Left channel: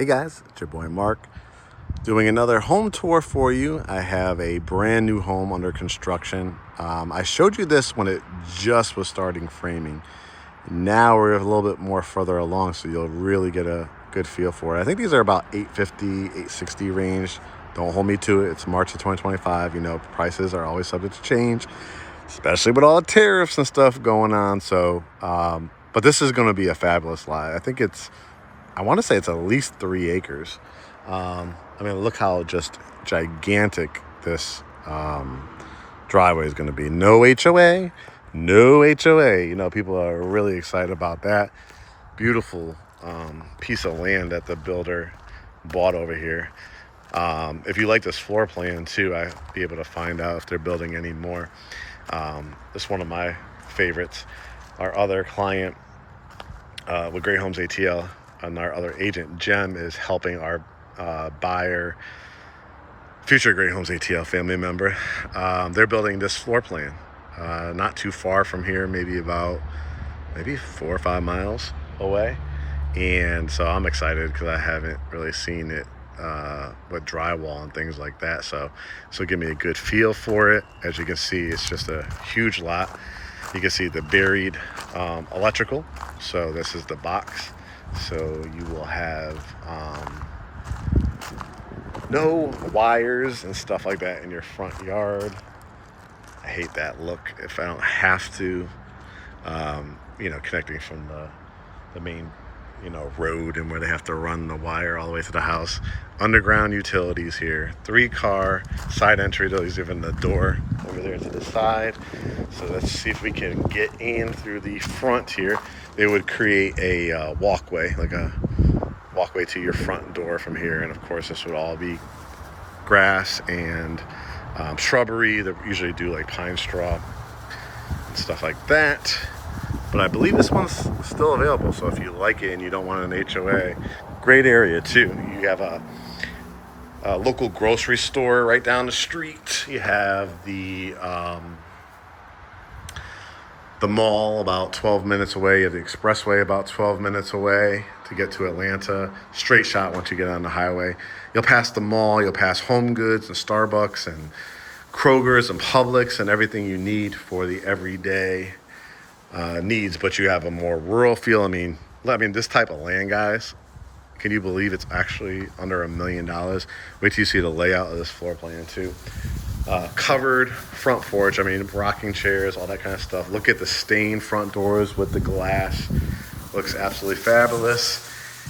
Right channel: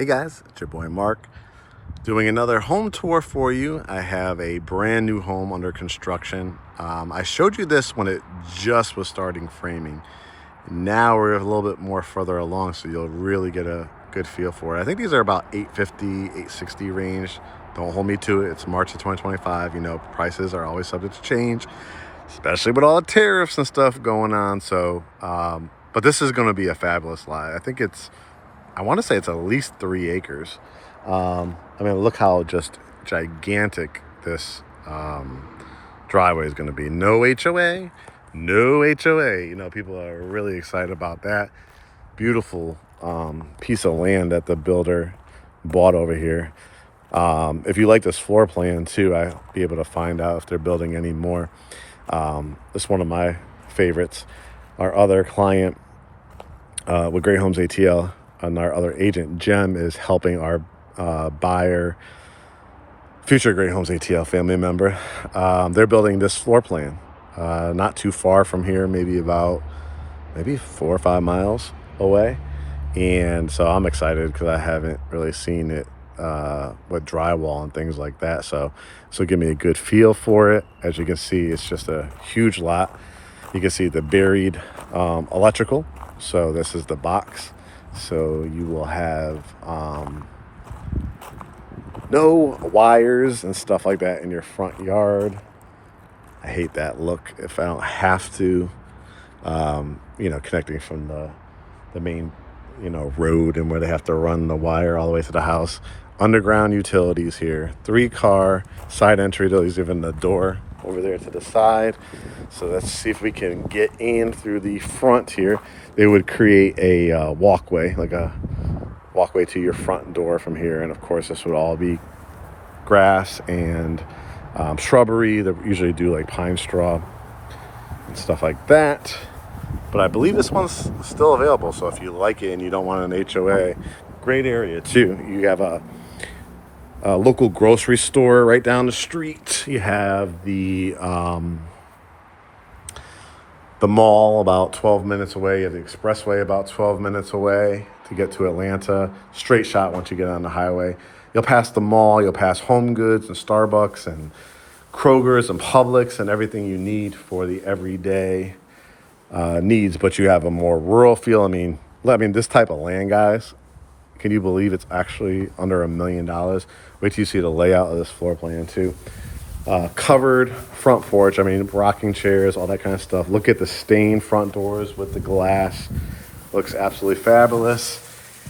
Hey guys, it's your boy Mark doing another home tour for you. I have a brand new home under construction. I showed you this when it just was starting framing. Now we're a little bit more further along, so you'll really get a good feel for it. I think these are about 850, 860 range. Don't hold me to it. It's March of 2025. You know, prices are always subject to change, especially with all the tariffs and stuff going on. So, but this is going to be a fabulous lot. I want to say it's at least 3 acres. I mean, look how just gigantic this driveway is going to be. No HOA, no HOA. You know, people are really excited about that. Beautiful piece of land that the builder bought over here. If you like this floor plan too, I'll be able to find out if they're building any more. It's one of my favorites. Our other client with GreatHomesATL and our other agent, Jem, is helping our buyer, future GreatHomesATL family member. They're building this floor plan not too far from here, maybe 4 or 5 miles away. And so I'm excited because I haven't really seen it with drywall and things like that. So give me a good feel for it. As you can see, it's just a huge lot. You can see the buried electrical. So this is the box. So you will have no wires and stuff like that in your front yard. I hate that look if I don't have to, connecting from the main, road and where they have to run the wire all the way to the house. Underground utilities here. 3-car side entry. There's even the door over there to the side. So let's see if we can get in through the front here. They would create a walkway, like a walkway to your front door from here. And of course, this would all be grass and shrubbery. They usually do like pine straw and stuff like that. But I believe this one's still available. So if you like it and you don't want an HOA, great area too. You have a local grocery store right down the street. You have the mall about 12 minutes away. You have the expressway about 12 minutes away to get to Atlanta. Straight shot once you get on the highway. You'll pass the mall. You'll pass Home Goods and Starbucks and Kroger's and Publix and everything you need for the everyday needs. But you have a more rural feel. I mean, this type of land, guys, can you believe it's actually under $1 million? Wait till you see the layout of this floor plan too. Covered front porch. I mean, rocking chairs, all that kind of stuff. Look at the stained front doors with the glass. Looks absolutely fabulous.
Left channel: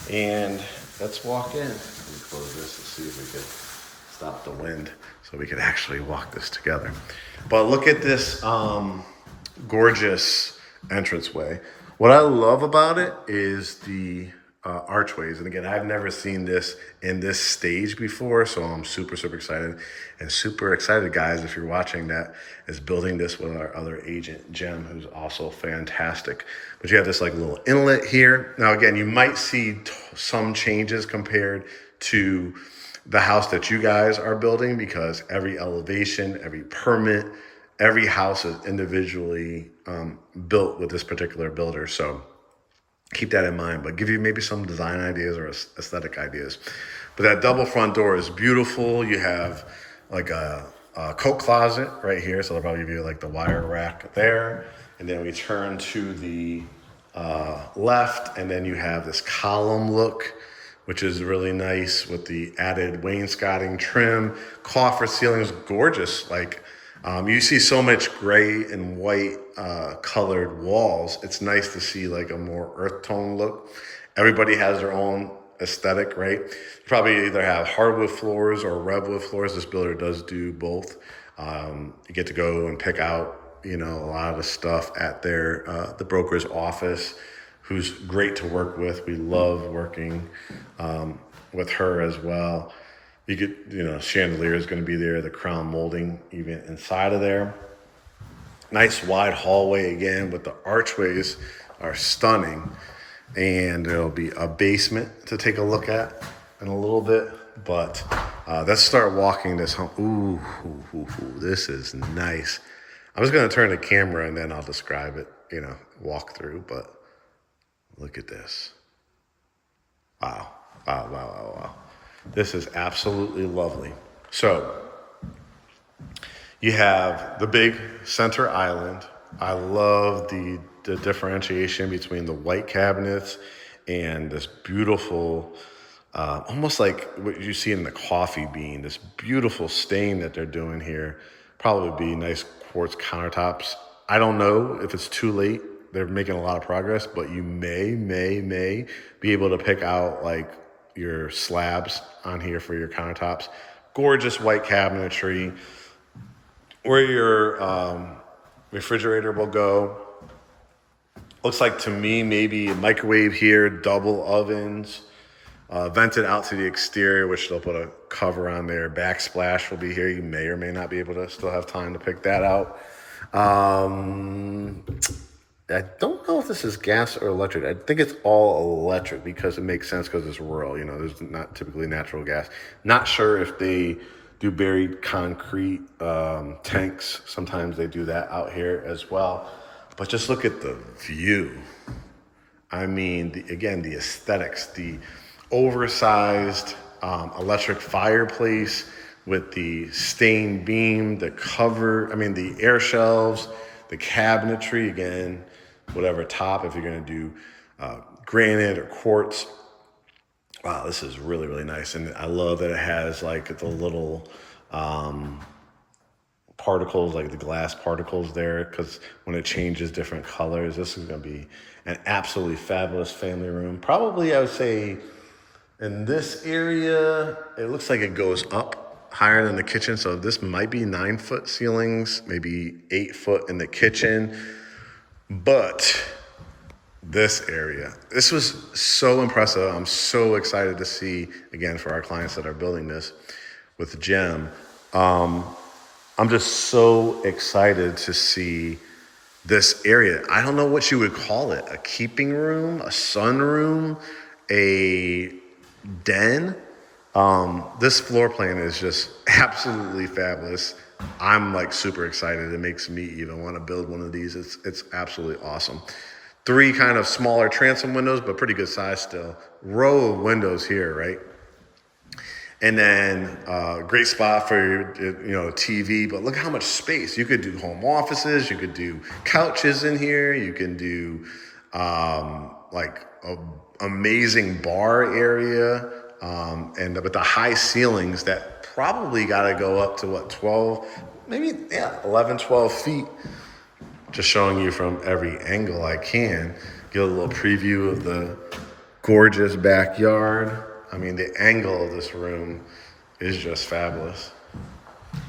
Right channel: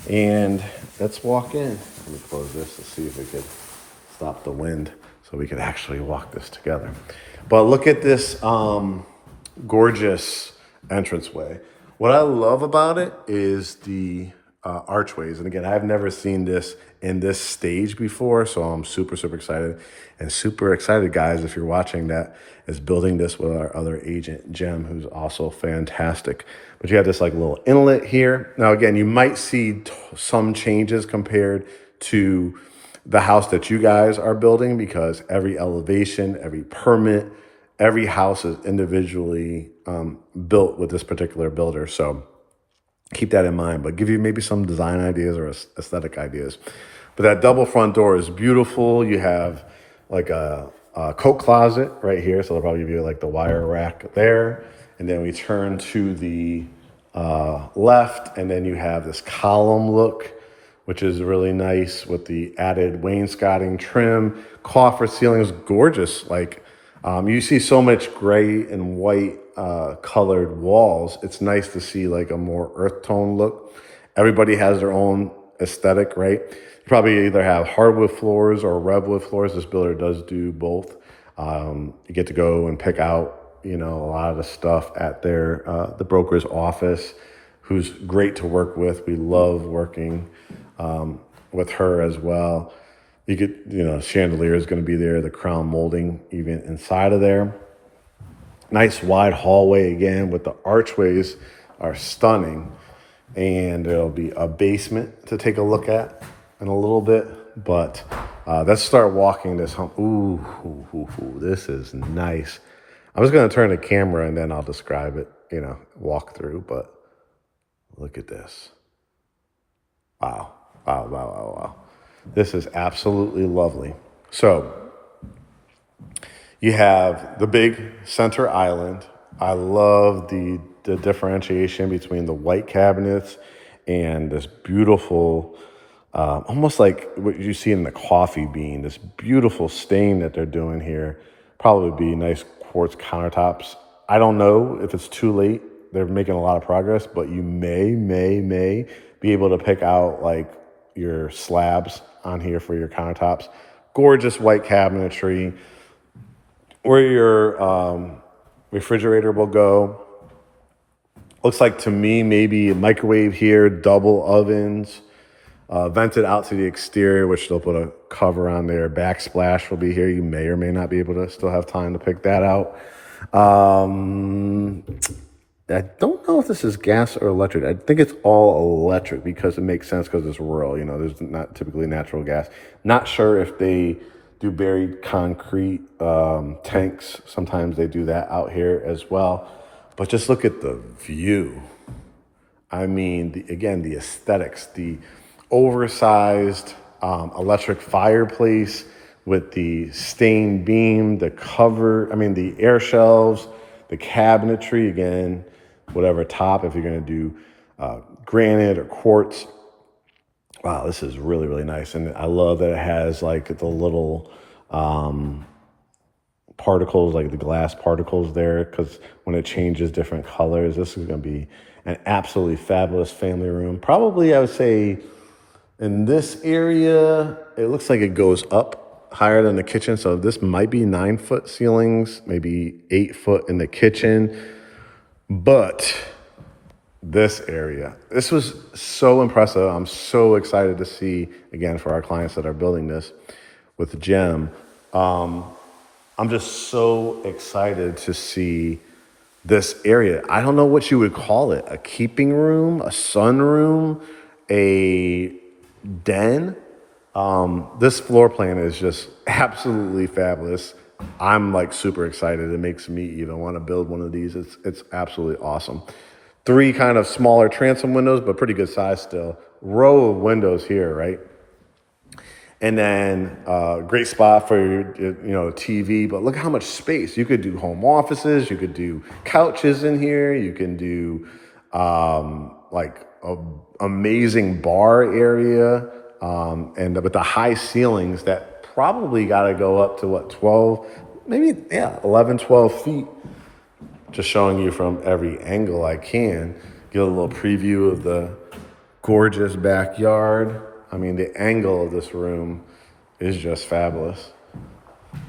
And let's walk in. Let me close this to see if we could stop the wind so we could actually walk this together. But look at this gorgeous entranceway. What I love about it is the archways. And again, I've never seen this in this stage before, so I'm super, super excited. And super excited, guys, if you're watching, that is building this with our other agent, Jem, who's also fantastic. But you have this like little inlet here. Now, again, you might see some changes compared to the house that you guys are building, because every elevation, every permit, every house is individually built with this particular builder. So keep that in mind, but give you maybe some design ideas or aesthetic ideas. But that double front door is beautiful. You have like a coat closet right here. So they'll probably give you like the wire rack there. And then we turn to the left, and then you have this column look, which is really nice with the added wainscoting trim. Coffered ceilings, gorgeous. Like you see so much gray and white colored walls. It's nice to see like a more earth tone look. Everybody has their own aesthetic, right? You probably either have hardwood floors or redwood floors. This builder does do both. You get to go and pick out, a lot of the stuff at their the broker's office, who's great to work with. We love working with her as well. You get, chandelier is going to be there, the crown molding even inside of there. Nice wide hallway again, with the archways are stunning. And there'll be a basement to take a look at in a little bit. But let's start walking this home. Ooh, this is nice. I'm just going to turn the camera and then I'll describe it, walk through. But look at this. Wow. Wow, wow, wow, wow. This is absolutely lovely. So you have the big center island. I love the differentiation between the white cabinets and this beautiful, almost like what you see in the coffee bean, this beautiful stain that they're doing here. Probably be nice quartz countertops. I don't know if it's too late. They're making a lot of progress, but you may be able to pick out like your slabs on here for your countertops. Gorgeous white cabinetry. Where your refrigerator will go. Looks like to me maybe a microwave here, double ovens, vented out to the exterior, which they'll put a cover on there. Backsplash will be here. You may or may not be able to still have time to pick that out. I don't know if this is gas or electric. I think it's all electric because it makes sense because it's rural. You know, there's not typically natural gas. Not sure if they do buried concrete tanks. Sometimes they do that out here as well. But just look at the view. I mean, again, the aesthetics, the oversized electric fireplace with the stained beam, the cover, I mean, the air shelves, the cabinetry, again, whatever top, if you're going to do granite or quartz. Wow, this is really, really nice. And I love that it has like the little particles, like the glass particles there, because when it changes different colors, this is going to be an absolutely fabulous family room. Probably, I would say, in this area, it looks like it goes up higher than the kitchen. So this might be 9-foot ceilings, maybe 8 foot in the kitchen. But this area, this was so impressive. I'm so excited to see, again, for our clients that are building this with GEM. I'm just so excited to see this area. I don't know what you would call it, a keeping room, a sunroom, a den. This floor plan is just absolutely fabulous. I'm like super excited. It makes me even want to build one of these. It's absolutely awesome. 3 kind of smaller transom windows, but pretty good size still. Row of windows here, right? And then great spot for your TV. But look how much space. You could do home offices. You could do couches in here. You can do like an amazing bar area. And with the high ceilings that probably got to go up to what, 12, maybe, 11, 12 feet. Just showing you from every angle I can. Get a little preview of the gorgeous backyard. I mean, the angle of this room is just fabulous.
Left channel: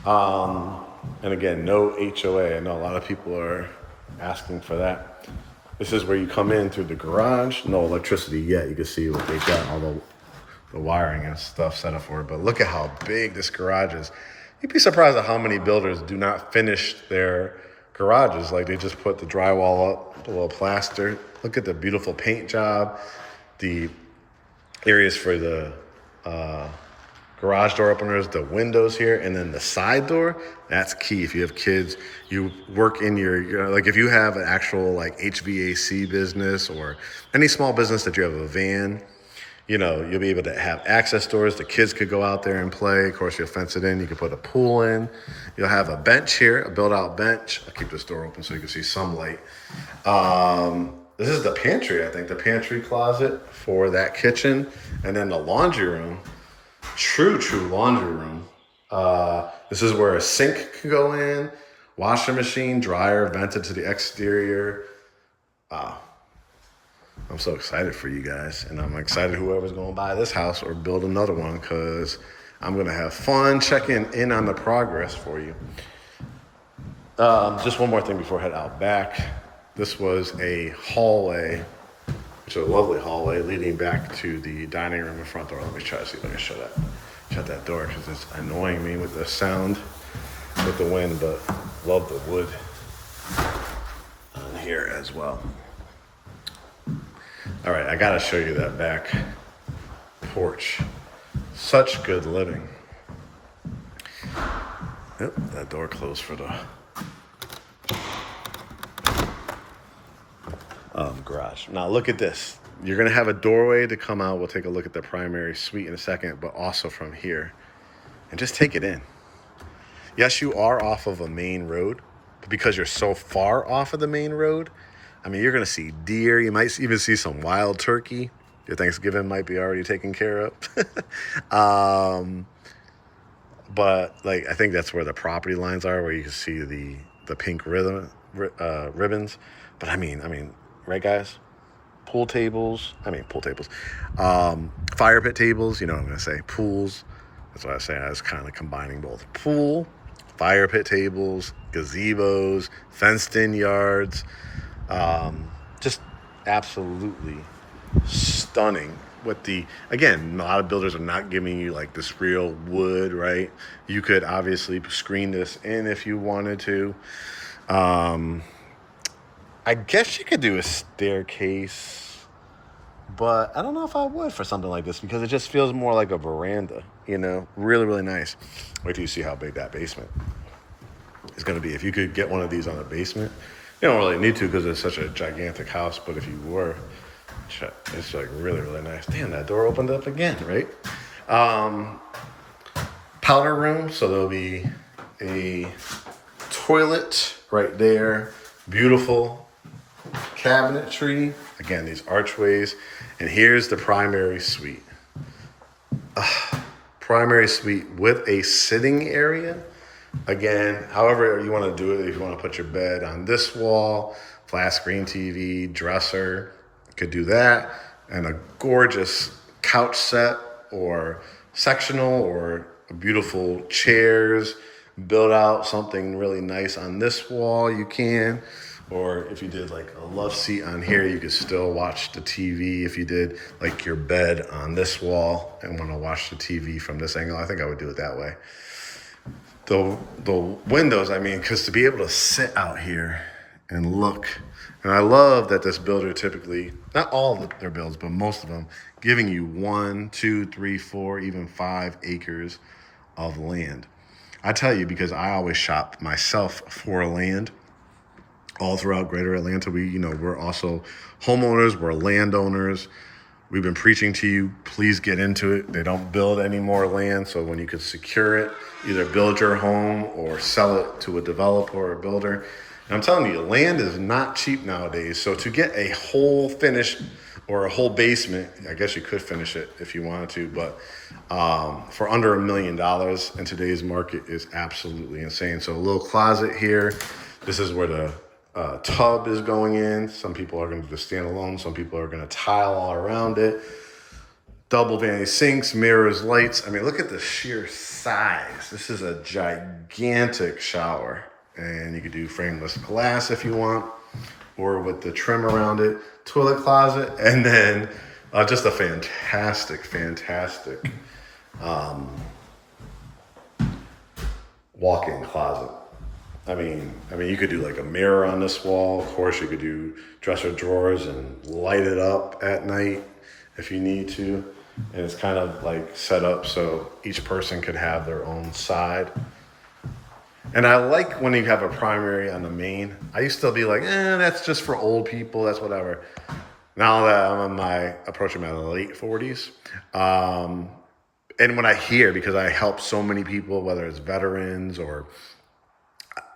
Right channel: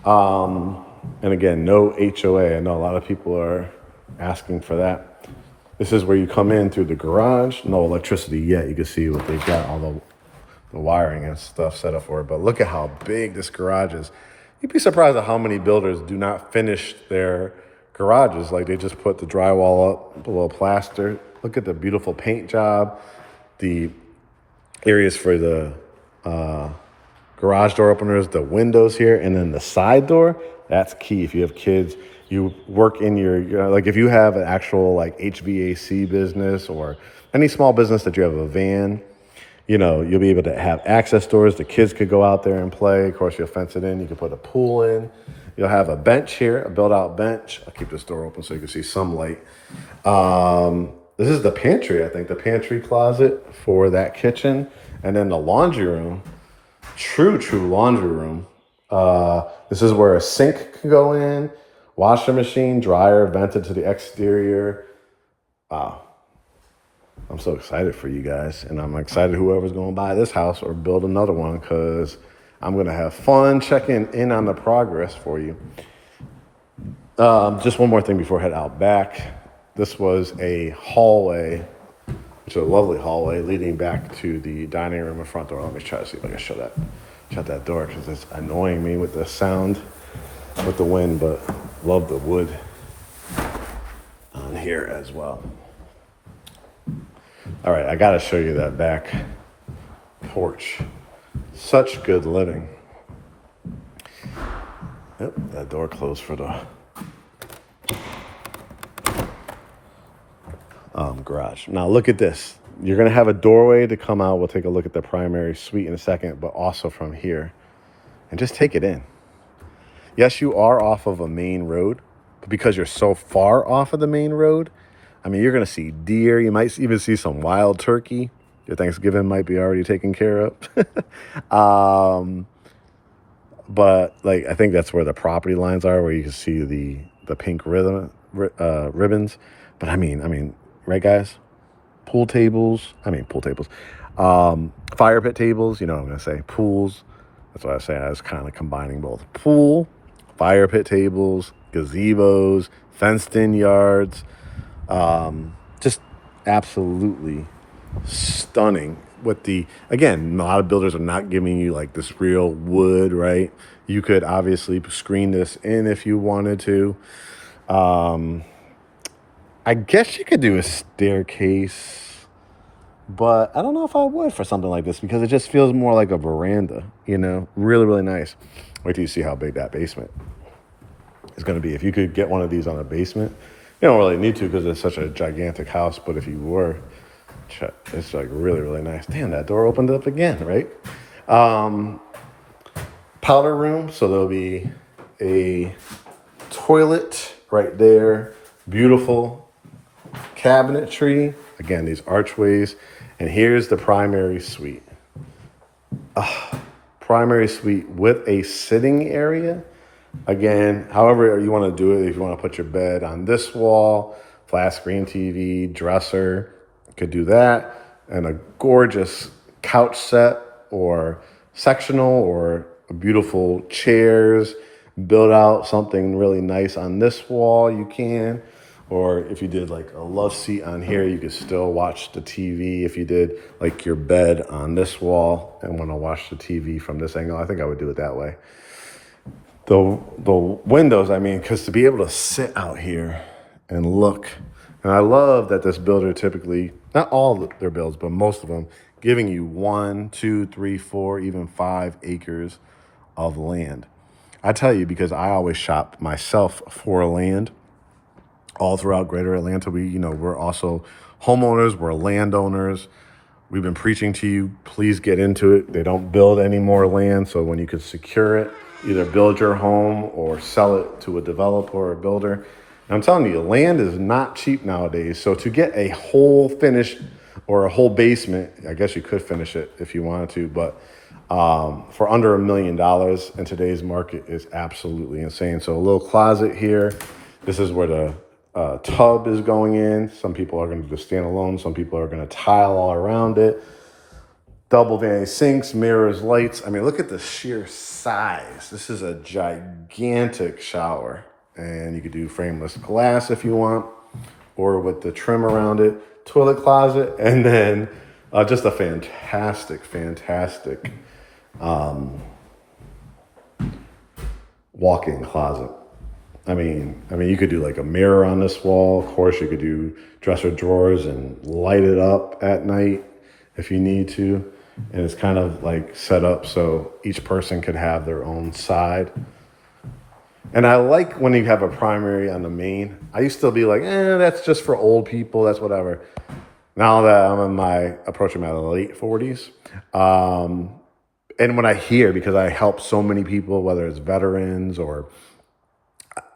And again, no HOA. I know a lot of people are asking for that. This is where you come in through the garage. No electricity yet. You can see what they've got, all the wiring and stuff set up for it. But look at how big this garage is. You'd be surprised at how many builders do not finish their garages. Like they just put the drywall up, a little plaster. Look at the beautiful paint job. The areas for the garage door openers, the windows here, and then the side door. That's key. If you have kids, you work in your like if you have an actual like HVAC business or any small business that you have a van, you'll be able to have access doors. The kids could go out there and play. Of course, you'll fence it in. You can put a pool in. You'll have a bench here, a built-out bench. I'll keep this door open so you can see some light. This is the pantry, I think, the pantry closet for that kitchen. And then the laundry room, true laundry room. This is where a sink can go in, washer machine, dryer, vented to the exterior. Wow. I'm so excited for you guys. And I'm excited whoever's going to buy this house or build another one because I'm going to have fun checking in on the progress for you. Just one more thing before I head out back. This was a hallway, which is a lovely hallway leading back to the dining room and front door. Let me try to see if I can shut that door because it's annoying me with the sound, with the wind, but love the wood in here as well. All right, I got to show you that back porch. Such good living. Yep, that door closed for the garage. Now look at this. You're going to have a doorway to come out. We'll take a look at the primary suite in a second, but also from here. And just take it in. Yes, you are off of a main road, but because you're so far off of the main road, I mean, you're going to see deer. You might even see some wild turkey. Your Thanksgiving might be already taken care of. But like, I think that's where the property lines are, where you can see the pink ribbons. But I mean, right, guys? Pool tables. Fire pit tables. You know what I'm going to say. Pools. That's what I say. I was kind of combining both. Pool, fire pit tables, gazebos, fenced-in yards. Just absolutely stunning. With again, a lot of builders are not giving you like this real wood, right? You could obviously screen this in if you wanted to. I guess you could do a staircase, but I don't know if I would for something like this because it just feels more like a veranda, you know? Really, really nice. Wait till you see how big that basement is going to be. If you could get one of these on a basement, you don't really need to because it's such a gigantic house, but if you were, it's like really, really nice. Damn, that door opened up again, right? Powder room, so there'll be a toilet right there. Beautiful cabinetry. Again, these archways. And here's the primary suite. Primary suite with a sitting area. Again, however you want to do it, if you want to put your bed on this wall, flat screen TV, dresser, you could do that. And a gorgeous couch set or sectional or beautiful chairs. Build out something really nice on this wall, you can. Or if you did like a love seat on here, you could still watch the TV. If you did like your bed on this wall and want to watch the TV from this angle, I think I would do it that way. The windows, I mean, because to be able to sit out here and look, and I love that this builder typically, not all of their builds, but most of them, giving you 1, 2, 3, 4, even 5 acres of land. I tell you, because I always shop myself for land all throughout greater Atlanta. We're also homeowners, we're landowners. We've been preaching to you, please get into it. They don't build any more land, so when you could secure it, either build your home or sell it to a developer or a builder. And I'm telling you, land is not cheap nowadays. So to get a whole finish or a whole basement, I guess you could finish it if you wanted to, but for under $1 million in today's market is absolutely insane. So a little closet here. This is where the tub is going in. Some people are going to just stand alone. Some people are going to tile all around it. Double vanity sinks, mirrors, lights. I mean, look at the sheer size. This is a gigantic shower. And you could do frameless glass if you want, or with the trim around it. Toilet closet, and then just a fantastic walk-in closet. I mean, you could do like a mirror on this wall. Of course, you could do dresser drawers and light it up at night if you need to. And it's kind of like set up so each person could have their own side. And I like when you have a primary on the main. I used to be like, that's just for old people. That's whatever. Now that I'm approaching my late 40s. And when I hear, because I help so many people, whether it's veterans or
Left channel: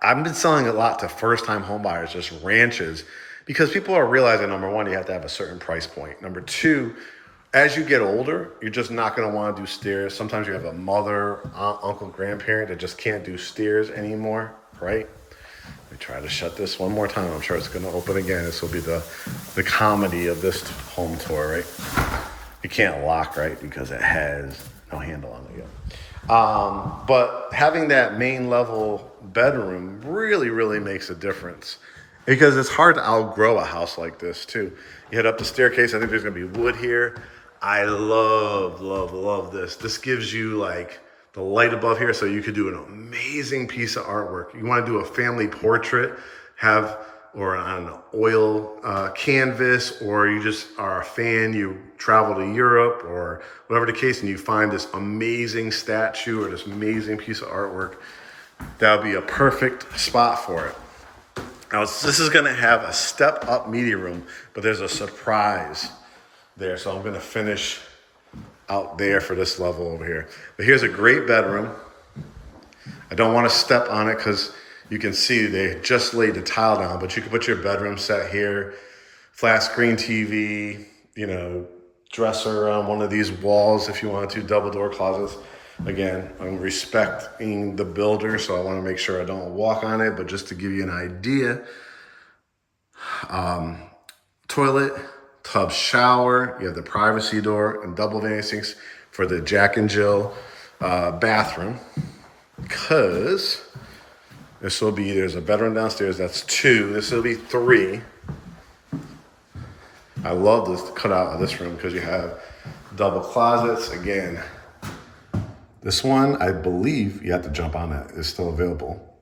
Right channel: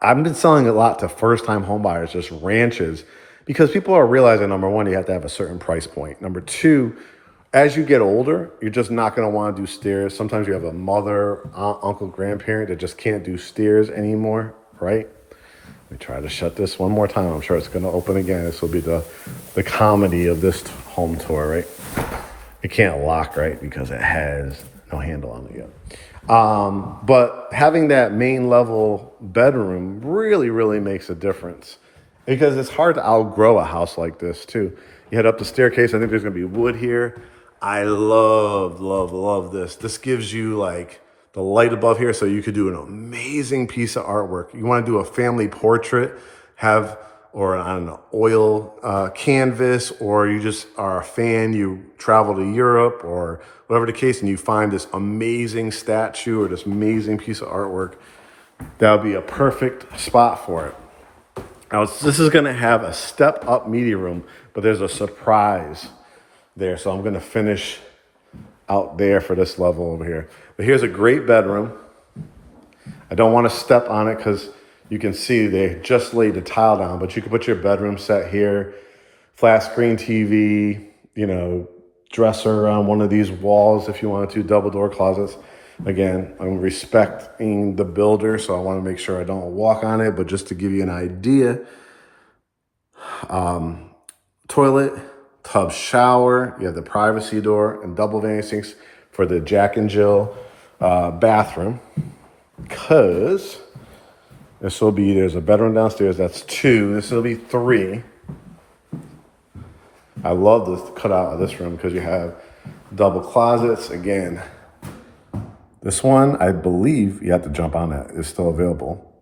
I've been selling a lot to first-time home buyers, just ranches, because people are realizing, number one, you have to have a certain price point. Number two, as you get older, you're just not going to want to do stairs. Sometimes you have a mother, aunt, uncle, grandparent that just can't do stairs anymore, right? Let me try to shut this one more time. I'm sure it's going to open again. This will be the comedy of this home tour, right? It can't lock, right? Because it has no handle on it yet. But having that main level bedroom really, really makes a difference because it's hard to outgrow a house like this too. You head up the staircase. I think there's going to be wood here. I love this. This gives you like the light above here so you could do an amazing piece of artwork. You want to do a family portrait, or I don't know, oil canvas, or you just are a fan, you travel to Europe or whatever the case, and you find this amazing statue or this amazing piece of artwork, that would be a perfect spot for it. Now, this is going to have a step-up media room, but there's a surprise there. So I'm gonna finish out there for this level over here. But here's a great bedroom. I don't want to step on it because you can see they just laid the tile down, but you can put your bedroom set here, flat screen TV, you know, dresser around one of these walls if you wanted to, double door closets. Again, I'm respecting the builder, so I want to make sure I don't walk on it, but just to give you an idea, toilet, tub shower, you have the privacy door and double vanity sinks for the Jack and Jill bathroom, because this will be, there's a bedroom downstairs, that's 2, this will be 3. I love this cutout of this room because you have double closets. Again, this one, I believe you have to jump on that, it's still available.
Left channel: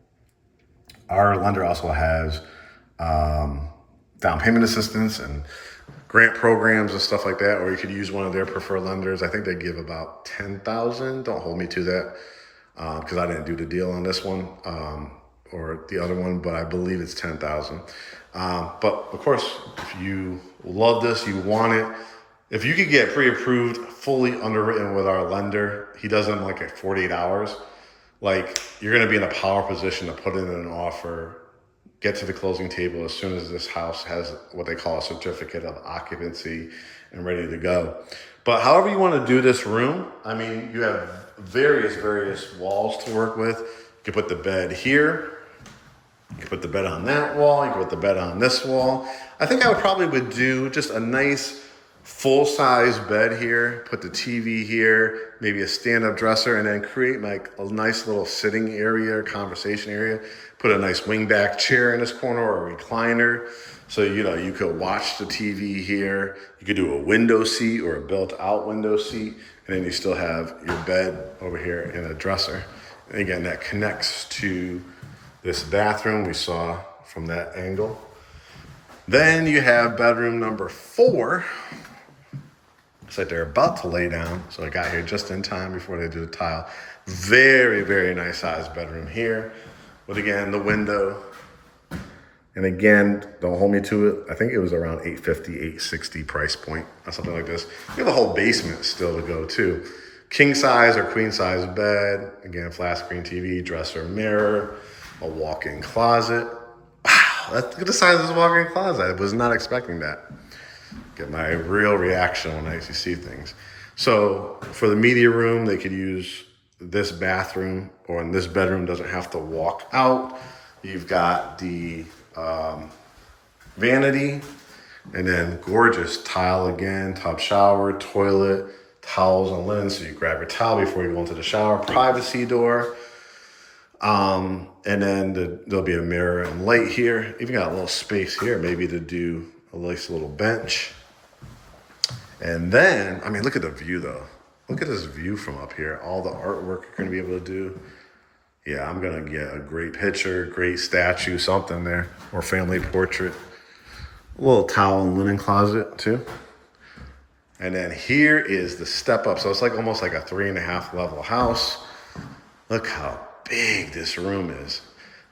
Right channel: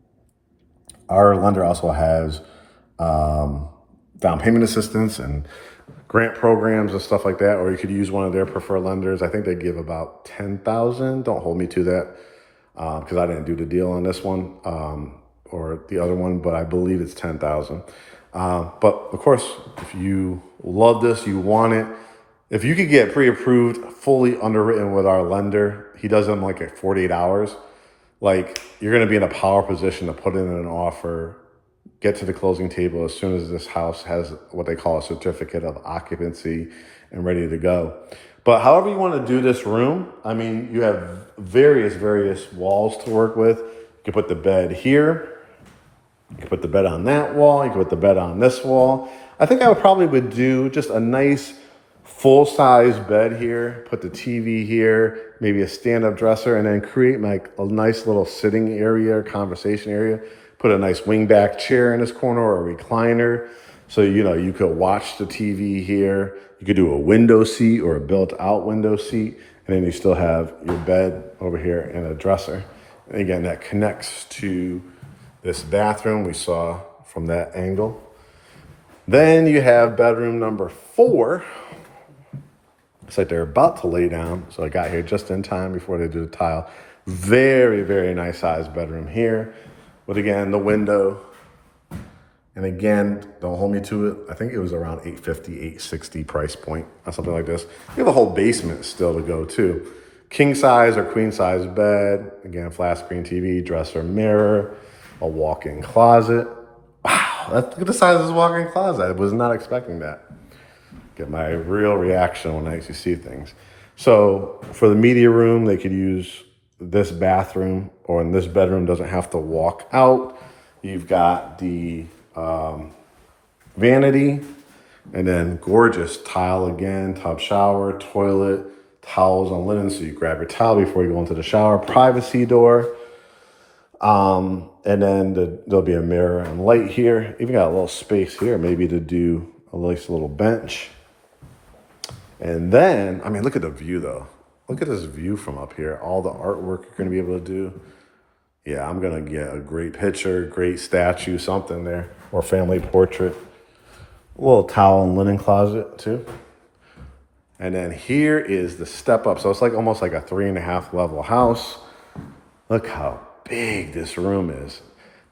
Our lender also has down payment assistance and grant programs and stuff like that, or you could use one of their preferred lenders. I think they give about $10,000. Don't hold me to that because I didn't do the deal on this one or the other one, but I believe it's $10,000. But of course, if you love this, you want it, if you could get pre-approved, fully underwritten with our lender, he does them like at 48 hours, like you're gonna be in a power position to put in an offer, get to the closing table as soon as this house has what they call a certificate of occupancy and ready to go. But however you want to do this room, I mean, you have various walls to work with. You can put the bed here. You can put the bed on that wall. You can put the bed on this wall. I think I would do just a nice full-size bed here, put the TV here, maybe a stand-up dresser, and then create like a nice little sitting area, conversation area. Put a nice wingback chair in this corner or a recliner. So, you know, you could watch the TV here. You could do a window seat or a built-out window seat. And then you still have your bed over here and a dresser. And again, that connects to this bathroom we saw from that angle. Then you have bedroom number 4. Looks like they're about to lay down. So I got here just in time before they do the tile. Very nice sized bedroom here. But again, the window, and again, don't hold me to it. I think it was around $850, $860 price point or something like this. You have a whole basement still to go too. King size or queen size bed. Again, flat screen TV, dresser, mirror, a walk-in closet. Wow, look at the size of this walk-in closet. I was not expecting that. Get my real reaction when I actually see things. So for the media room, they could use this bathroom, or in this bedroom doesn't have to walk out. You've got the vanity, and then gorgeous tile again, tub shower, toilet, towels and linen. So you grab your towel before you go into the shower, privacy door. And then there'll be a mirror and light here. Even got a little space here, maybe to do a nice little bench. And then, I mean, look at the view though. Look at this view from up here. All the artwork you're gonna be able to do. Yeah, I'm gonna get a great picture, great statue, something there, or family portrait. A little towel and linen closet too. And then here is the step up. So it's like almost like a 3.5 level house. Look how big this room is.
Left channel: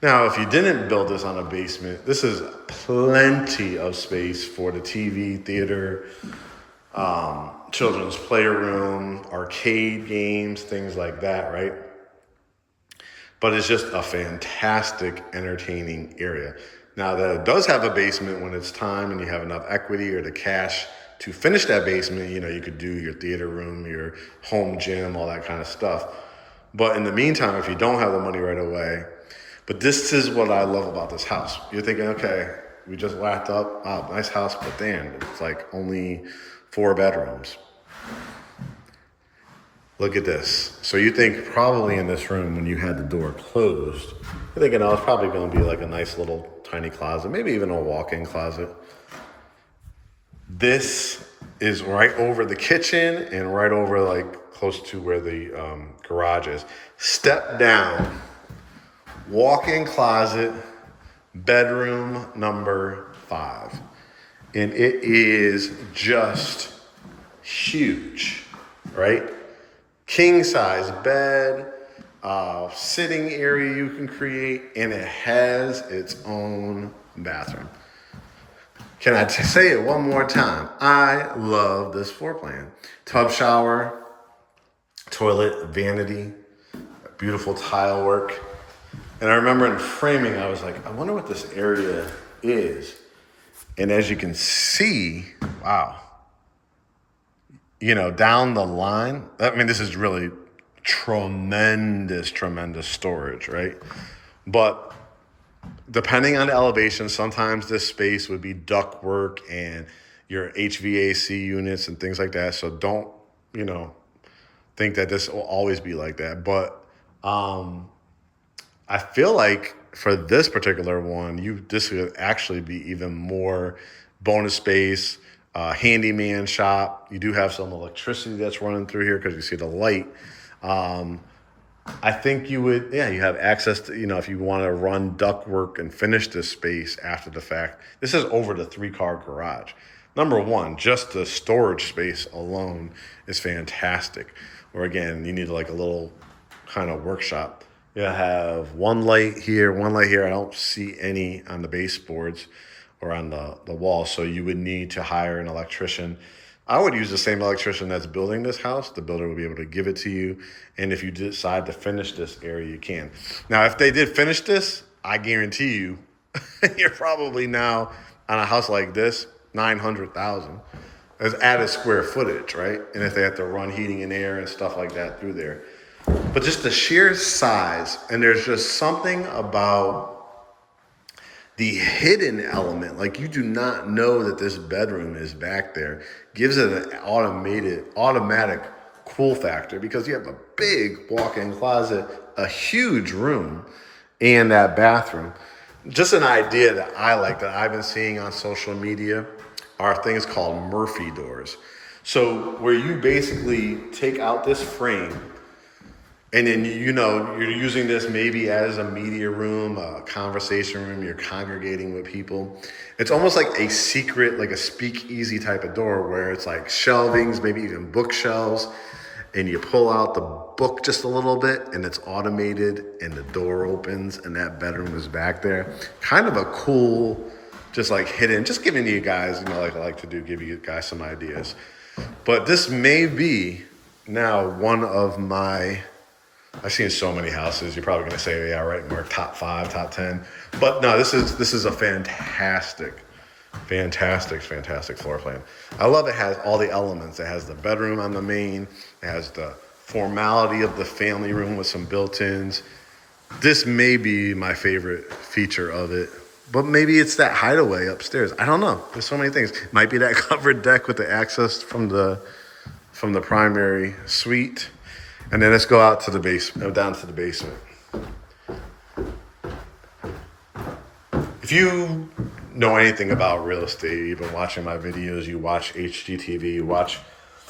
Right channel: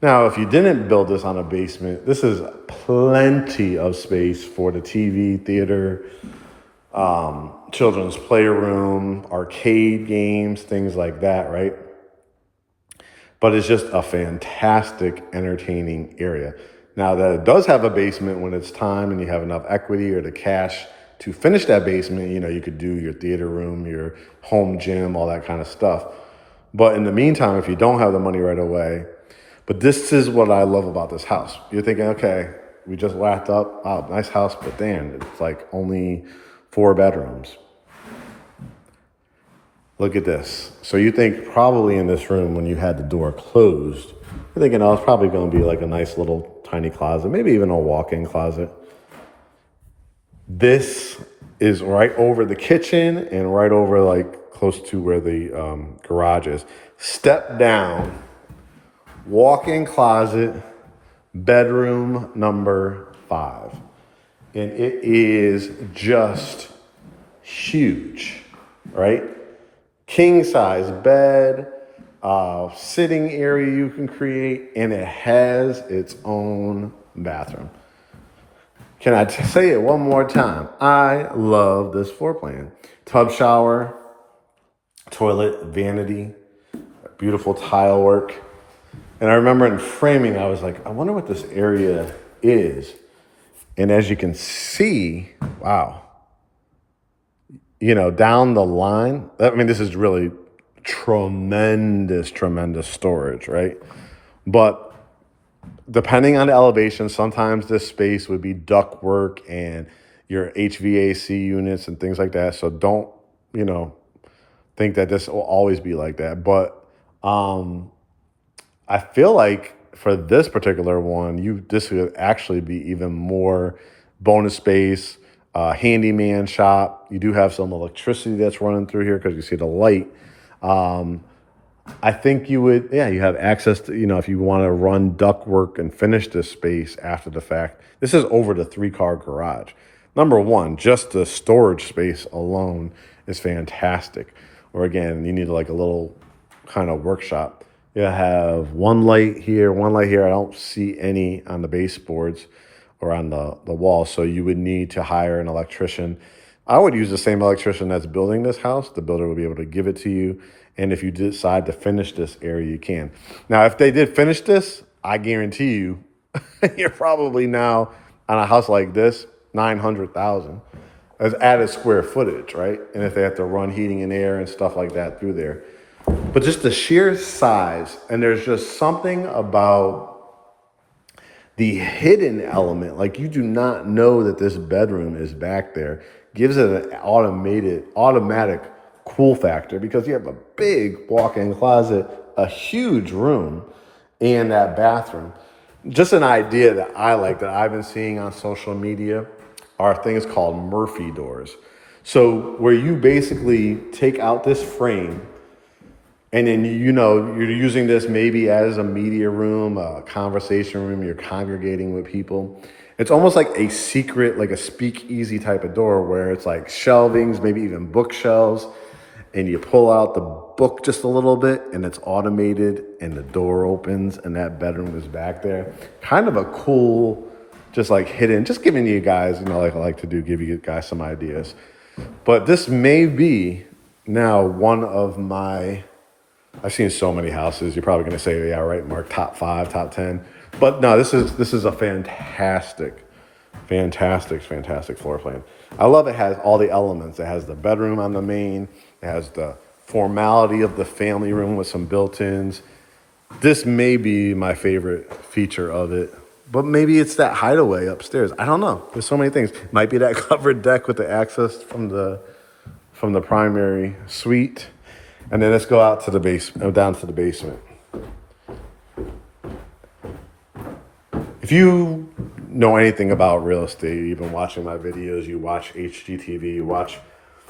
Now, if you didn't build this on a basement, this is plenty of space for the TV, theater, children's playroom, arcade games, things like that, right? But it's just a fantastic, entertaining area. Now that it does have a basement, when it's time and you have enough equity or the cash to finish that basement, you know, you could do your theater room, your home gym, all that kind of stuff. But in the meantime, if you don't have the money right away, but this is what I love about this house. You're thinking, okay, we just wrapped up, wow, nice house, but damn, it's like only 4 bedrooms. Look at this. So you think probably in this room, when you had the door closed, you're thinking, oh, it's probably going to be like a nice little tiny closet, maybe even a walk-in closet. This is right over the kitchen and right over like close to where the garage is. Step down, walk-in closet, bedroom number 5. And it is just huge, right? King size bed, sitting area you can create, and it has its own bathroom. Can I say it one more time? I love this floor plan. Tub shower, toilet, vanity, beautiful tile work. And I remember in framing, I was like, I wonder what this area is. And as you can see, wow, down the line, I mean, this is really tremendous storage, right? But depending on the elevation, sometimes this space would be ductwork and your HVAC units and things like that. So don't, think that this will always be like that. But I feel like for this particular one, this would actually be even more bonus space, handyman shop. You do have some electricity that's running through here because you see the light. I think you have access to, if you want to run ductwork and finish this space after the fact. This is over the 3-car garage. Number one, just the storage space alone is fantastic. Or again, you need like a little kind of workshop. You have one light here, one light here. I don't see any on the baseboards or on the wall, so you would need to hire an electrician. I would use the same electrician that's building this house. The builder will be able to give it to you. And if you decide to finish this area, you can. Now, if they did finish this, I guarantee you, you're probably now on a house like this, $900,000 as added square footage, right? And if they have to run heating and air and stuff like that through there. But just the sheer size, and there's just something about the hidden element, like you do not know that this bedroom is back there, gives it an automatic cool factor because you have a big walk-in closet, a huge room, and that bathroom. Just an idea that I like that I've been seeing on social media are things called Murphy doors. So where you basically take out this frame and then, you're using this maybe as a media room, a conversation room, you're congregating with people. It's almost like a secret, like a speakeasy type of door where it's like shelvings, maybe even bookshelves, and you pull out the book just a little bit and it's automated and the door opens and that bedroom is back there. Kind of a cool, just like hidden, just giving you guys, like I like to do, give you guys some ideas. But this may be now one of I've seen so many houses. You're probably going to say, yeah, right, Mark, top 5, top 10. But no, this is a fantastic floor plan. I love it has all the elements. It has the bedroom on the main. It has the formality of the family room with some built-ins. This may be my favorite feature of it. But maybe it's that hideaway upstairs. I don't know. There's so many things. Might be that covered deck with the access from the primary suite. And then let's go out to the basement, down to the basement. If you know anything about real estate, you've been watching my videos, you watch HGTV, you watch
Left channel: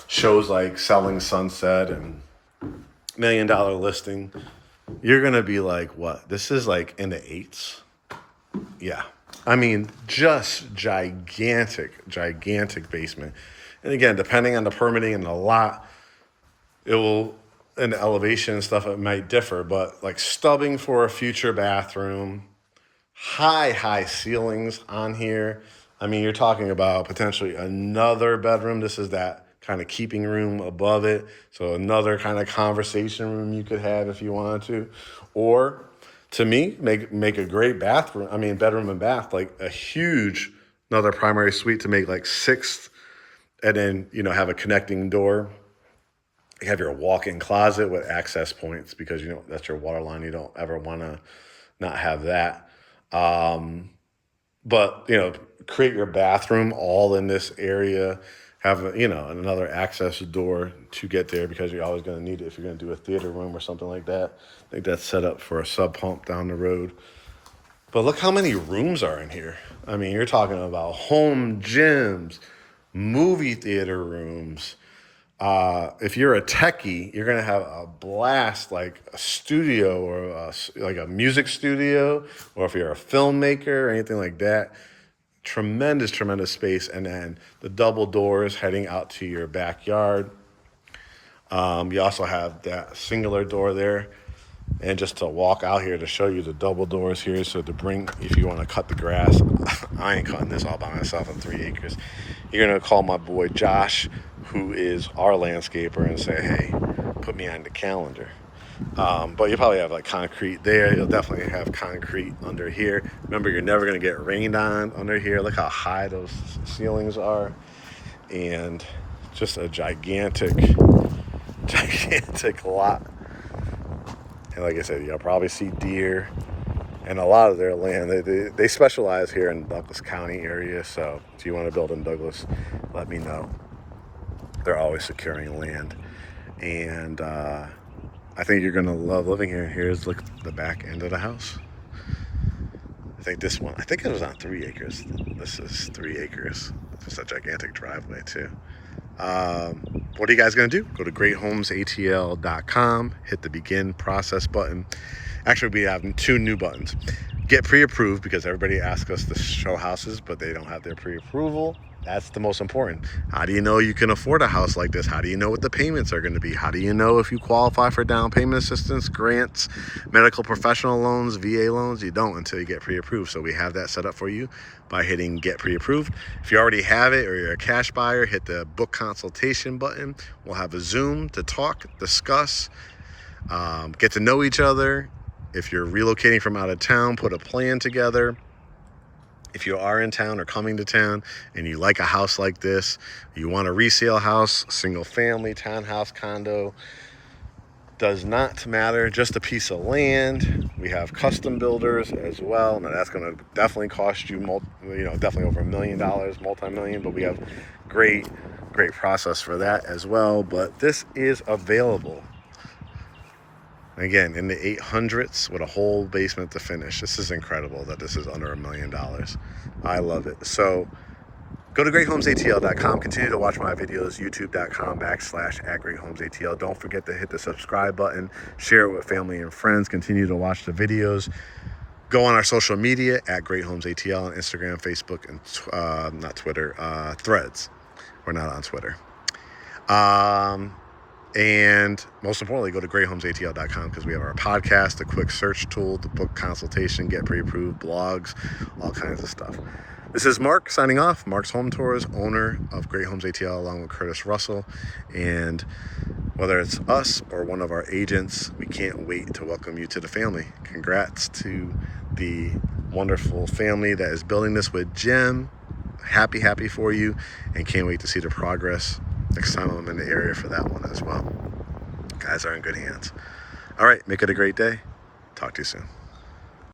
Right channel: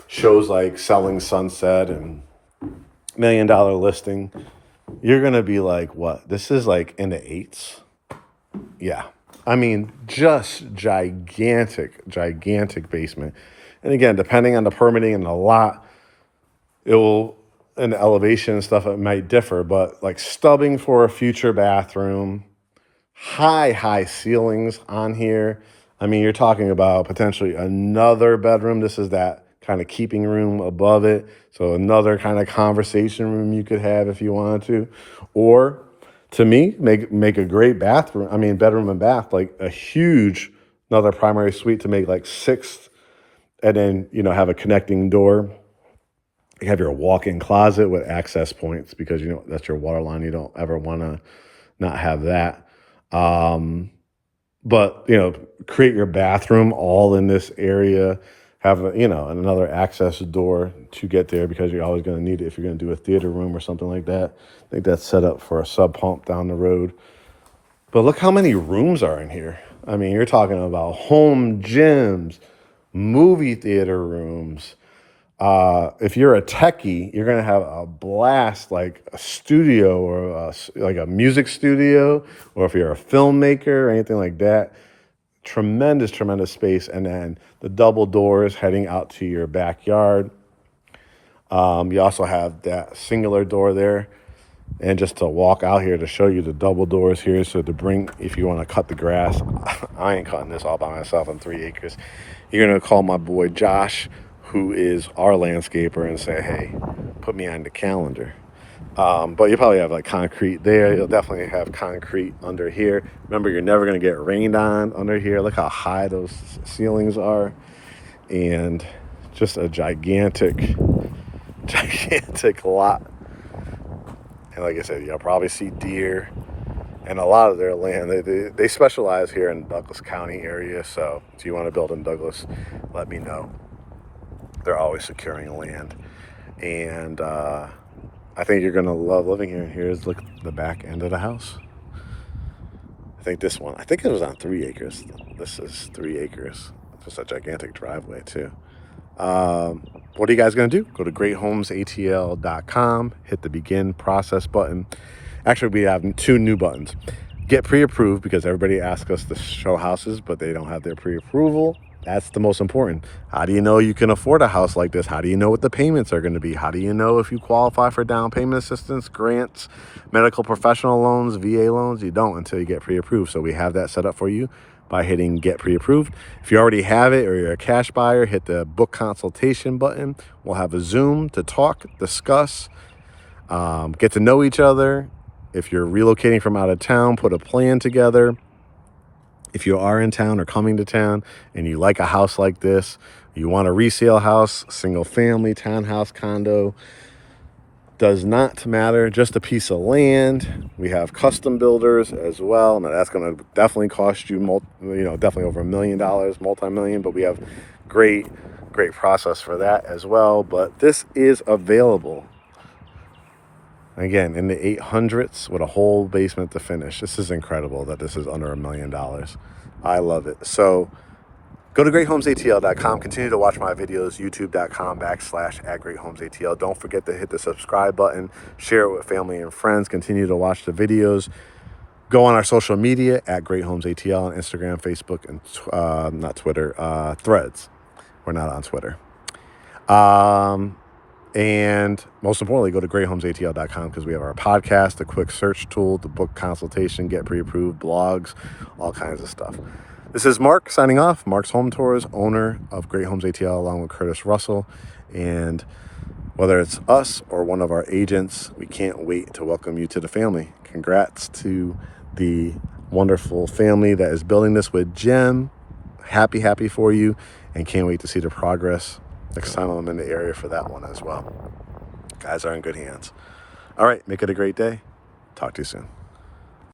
shows like Selling Sunset and $1 Million Listing, you're going to be like, what? This is like in the 8s? Yeah. I mean, just gigantic basement. And again, depending on the permitting and the lot, and the elevation and stuff, it might differ, but like stubbing for a future bathroom, high ceilings on here. I mean, you're talking about potentially another bedroom. This is that kind of keeping room above it. So another kind of conversation room you could have if you wanted to. Or to me, make a great bathroom. I mean, bedroom and bath, like a huge, another primary suite to make like 6th, and then, have a connecting door. You have your walk-in closet with access points because, that's your water line. You don't ever want to not have that. But, create your bathroom all in this area. Have, another access door to get there because you're always going to need it if you're going to do a theater room or something like that. I think that's set up for a sub pump down the road. But look how many rooms are in here. I mean, you're talking about home gyms, movie theater rooms. If you're a techie, you're going to have a blast, like a studio or like a music studio, or if you're a filmmaker or anything like that, tremendous space. And then the double doors heading out to your backyard. You also have that singular door there. And just to walk out here to show you the double doors here, so to bring, if you want to cut the grass, I ain't cutting this all by myself on 3 acres. You're going to call my boy Josh, who is our landscaper, and say, hey, put me on the calendar. But you probably have like concrete there. You'll definitely have concrete under here. Remember, you're never going to get rained on under here. Look how high those ceilings are. And just a gigantic lot. And like I said, you'll probably see deer and a lot of their land. They specialize here in Douglas County area. So if you want to build in Douglas, let me know. They're always securing land. And I think you're going to love living here. Here's look the back end of the house. I think this one, I think it was on 3 acres. This is 3 acres. It's a gigantic driveway too. What are you guys going to do? Go to GreatHomesATL.com, hit the begin process button. Actually, we have 2 new buttons. Get pre-approved, because everybody asks us to show houses, but they don't have their pre-approval. That's the most important. How do you know you can afford a house like this? How do you know what the payments are going to be? How do you know if you qualify for down payment assistance, grants, medical professional loans, VA loans? You don't until you get pre-approved. So we have that set up for you by hitting get pre-approved. If you already have it or you're a cash buyer, hit the book consultation button. We'll have a Zoom to talk, discuss, get to know each other. If you're relocating from out of town, put a plan together. If you are in town or coming to town and you like a house like this, you want a resale house, single family, townhouse, condo, does not matter, just a piece of land. We have custom builders as well. Now that's going to definitely cost you, definitely over $1 million, multi-million, but we have great process for that as well. But this is available. Again, in the 800s with a whole basement to finish. This is incredible that this is under $1 million. I love it. So go to GreatHomesATL.com. Continue to watch my videos, youtube.com/@GreatHomesATL. Don't forget to hit the subscribe button. Share it with family and friends. Continue to watch the videos. Go on our social media at GreatHomesATL on Instagram, Facebook, and not Twitter, Threads. We're not on Twitter. And most importantly, go to GreatHomesATL.com, because we have our podcast, the quick search tool, the book consultation, get pre-approved, blogs, all kinds of stuff. This is Mark signing off. Mark's Home Tours, owner of Great Homes ATL, along with Curtis Russell. And whether it's us or one of our agents, we can't wait to welcome you to the family. Congrats to the wonderful family that is building this with Jem. Happy for you, and can't wait to see the progress next time I'm in the area for that one as well. Guys are in good hands. All right, make it a great day. Talk to you soon.